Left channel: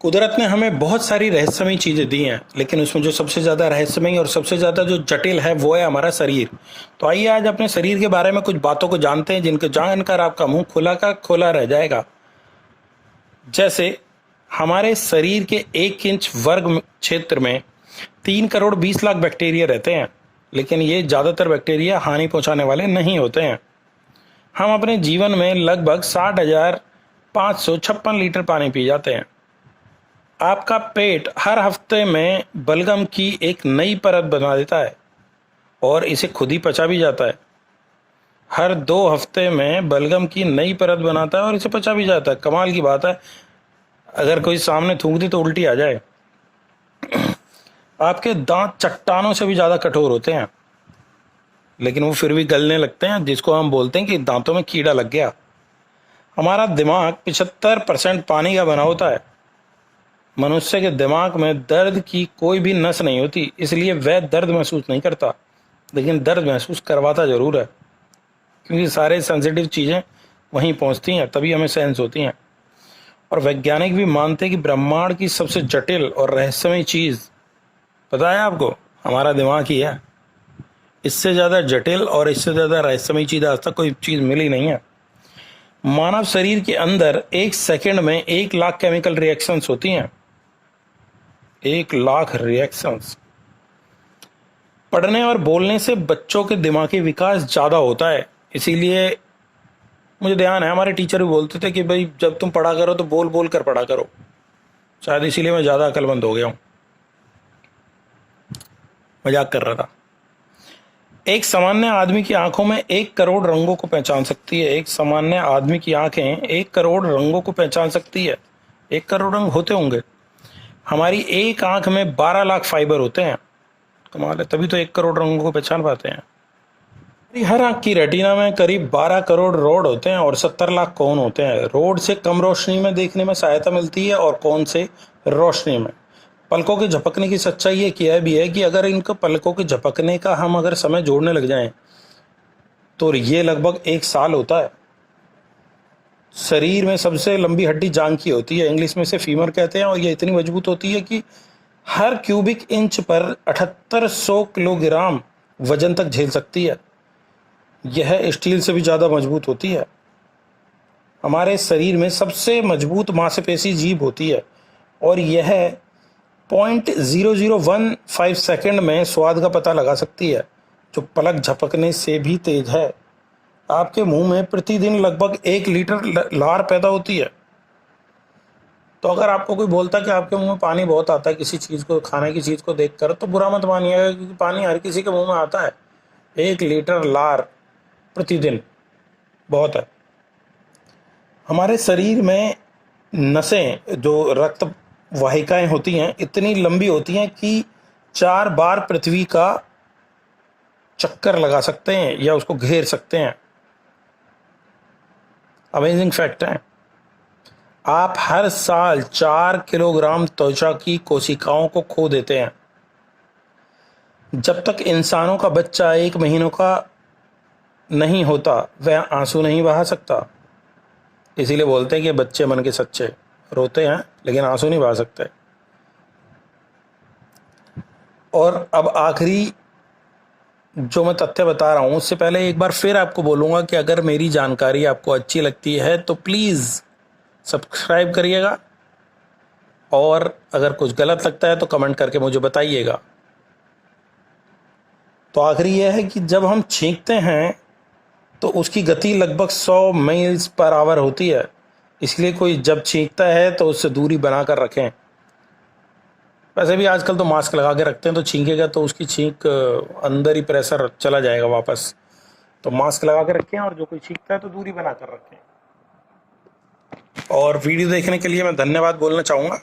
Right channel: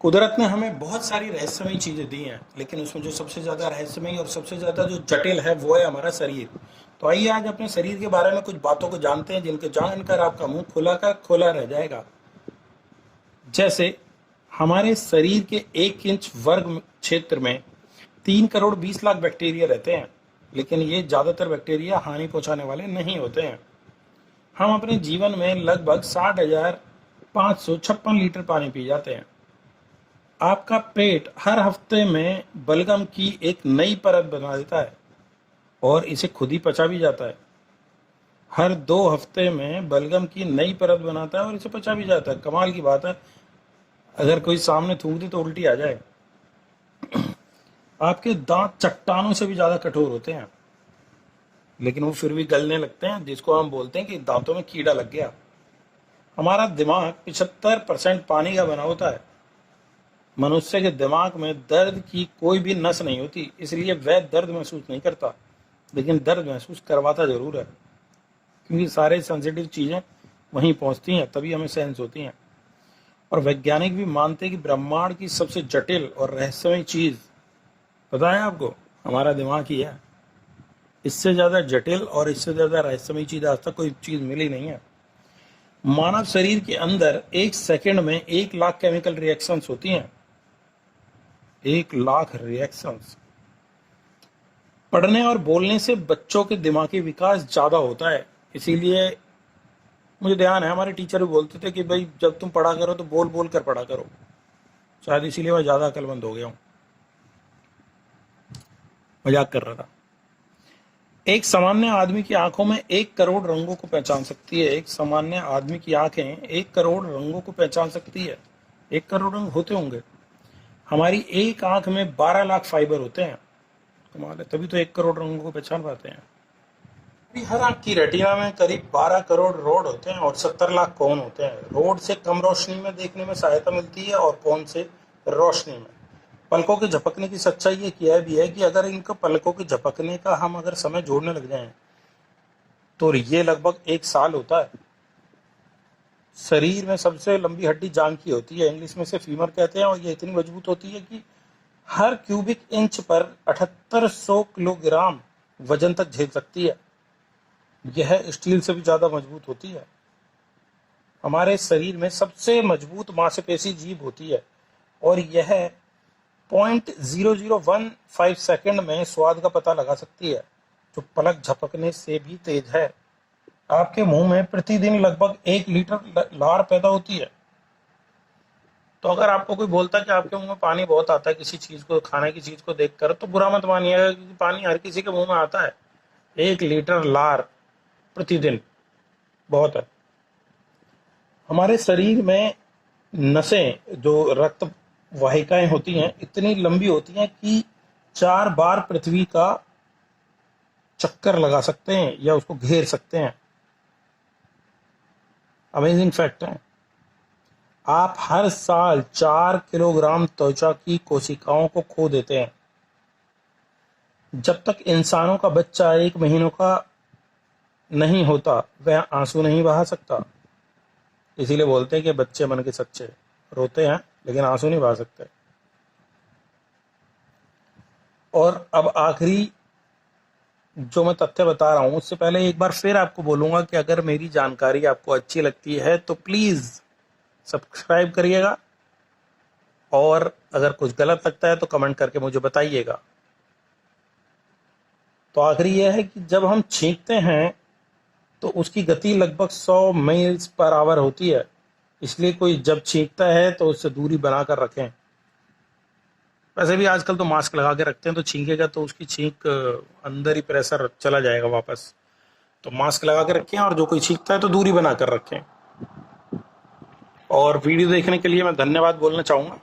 कुदरत ने हमें बहुत सारी रहस्यमयी चीज़ें दी हैं, लेकिन उसमें जो सबसे ज़्यादा रहस्यमयी और सबसे ज़्यादा जो जटिल है वो है हमारा शरीर। तो आइए आज अपने शरीर के बारे में कुछ बातों को जानते हैं जिनको जानकर आपका मुंह खुला का खुला रह जाएगा। जैसे हमारे शरीर के 1 इंच वर्ग क्षेत्र में 3 करोड़ 20 लाख बैक्टीरिया रहते हैं, लेकिन ये ज़्यादातर बैक्टीरिया हानि पहुंचाने वाले नहीं होते हैं। हम अपने जीवन में लगभग 60,556 लीटर पानी पी जाते हैं। आपका पेट हर हफ्ते में बलगम की एक नई परत बना देता है और इसे खुद ही पचा भी जाता है। हर 2 हफ्ते में बलगम की नई परत बनाता है और इसे पचा भी जाता है। कमाल की बात है, अगर कोई सामने थूक दे तो उल्टी आ जाए। आपके दांत चट्टानों से भी ज़्यादा कठोर होते हैं, लेकिन वो फिर भी गलने लगते हैं, जिसको हम बोलते हैं कि दांतों में कीड़ा लग गया। हमारा दिमाग 75% पानी का बना होता है। मनुष्य के दिमाग में दर्द की कोई भी नस नहीं होती, इसलिए वह दर्द महसूस नहीं करता, लेकिन दर्द महसूस करवाता ज़रूर है, क्योंकि सारे सेंसिटिव चीज़ें वहीं पहुंचती हैं, तभी हमें सेंस होती हैं। और वैज्ञानिक भी मानते हैं कि ब्रह्मांड की सबसे जटिल और रहस्यमयी चीज़ पता है आपको, हमारा दिमाग ही है। इससे ज़्यादा जटिल और इससे ज़्यादा रहस्यमयी चीज़ आज तक कोई चीज़ मिली नहीं है। मानव शरीर के अंदर 1 सेकंड में 1 लाख केमिकल रिएक्शंस होती हैं। 1 लाख रिएक्शंस। पढ़ने और बोलने से बच्चों के दिमागी विकास ज़्यादा होता है, इसीलिए मुझे ध्यान है हमारे टीचर भी बोलते थे कि भाई जब तुम पढ़ा करो तो बोल बोल कर पढ़ा करो। शायद इसीलिए मैं ज़्यादा अक्लमंद हो गया हूँ। मजाक कर रहा था। एक सामान्य आदमी की आंखों में 1 करोड़ रंगों को पहचान सकती है। एक सामान्य आदमी की आंखें 1 करोड़ रंगों को पहचान सकती है। 1 करोड़ रंग होते होंगे। हमारी एक आंख में 12 लाख फाइबर होते हैं। कमाल है, तभी तो 1 करोड़ रंगों को पहचान पाते हैं। हर आंख की रेटिना में करीब 12 करोड़ रोड होते हैं और 70 लाख कोन होते हैं। रोड से कम रोशनी में देखने में सहायता मिलती है और कोन से रोशनी में। पलकों के झपकने की सच्चाई ये किया भी है कि अगर इनको पलकों के झपकने का हम अगर समय जोड़ने लग जाएं तो ये लगभग 1 साल होता है। शरीर में सबसे लंबी हड्डी जांघ की होती है, इंग्लिश में से फीमर कहते हैं, और ये इतनी मजबूत होती है कि हर क्यूबिक इंच पर 7800 किलोग्राम वजन तक झेल सकती है। यह स्टील से भी ज़्यादा मजबूत होती है। हमारे शरीर में सबसे मजबूत मांसपेशी जीभ होती है और यह 0.0015 सेकंड में स्वाद का पता लगा सकती है, जो पलक झपकने से भी तेज है। आपके मुंह में प्रतिदिन लगभग 1 लीटर लार पैदा होती है। तो अगर आपको कोई बोलता है कि आपके मुंह में पानी बहुत आता है किसी चीज़ को, खाने की चीज़ को देखकर, तो बुरा मत मानिएगा, क्योंकि पानी हर किसी के मुंह में आता है। 1 लीटर लार प्रतिदिन बहुत है। हमारे शरीर में नसें, जो रक्त वाहिकाएं होती हैं, इतनी लंबी होती हैं कि 4 बार पृथ्वी का चक्कर लगा सकते हैं या उसको घेर सकते हैं। अमेजिंग फैक्ट है। आप हर साल 4 किलोग्राम त्वचा की कोशिकाओं को खो देते हैं। जब तक इंसानों का बच्चा 1 महीनों का नहीं होता वह आंसू नहीं बहा सकता। इसीलिए बोलते हैं कि बच्चे मन के सच्चे, रोते हैं लेकिन आंसू नहीं बहा सकते। और अब आखिरी जो मैं तथ्य बता रहा हूँ, उससे पहले एक बार फिर आपको बोलूँगा कि अगर मेरी जानकारी आपको अच्छी लगती है तो प्लीज़ सब्सक्राइब करिएगा, और अगर कुछ गलत लगता है तो कमेंट करके मुझे बताइएगा। तो आखिरी यह है कि जब हम छींकते हैं तो उसकी गति लगभग 100 मील्स पर आवर होती है, इसलिए कोई जब छींकता है तो उससे दूरी बना कर रखें। वैसे भी आजकल तो मास्क लगा के रखते हैं, तो छींकेगा तो उसकी छींक अंदर ही प्रेशर चला जाएगा वापस। तो मास्क लगा के रखें, और जो कोई छींकता है तो दूरी बना कर रखें। और वीडियो देखने के लिए मैं धन्यवाद बोलना चाहूँगा।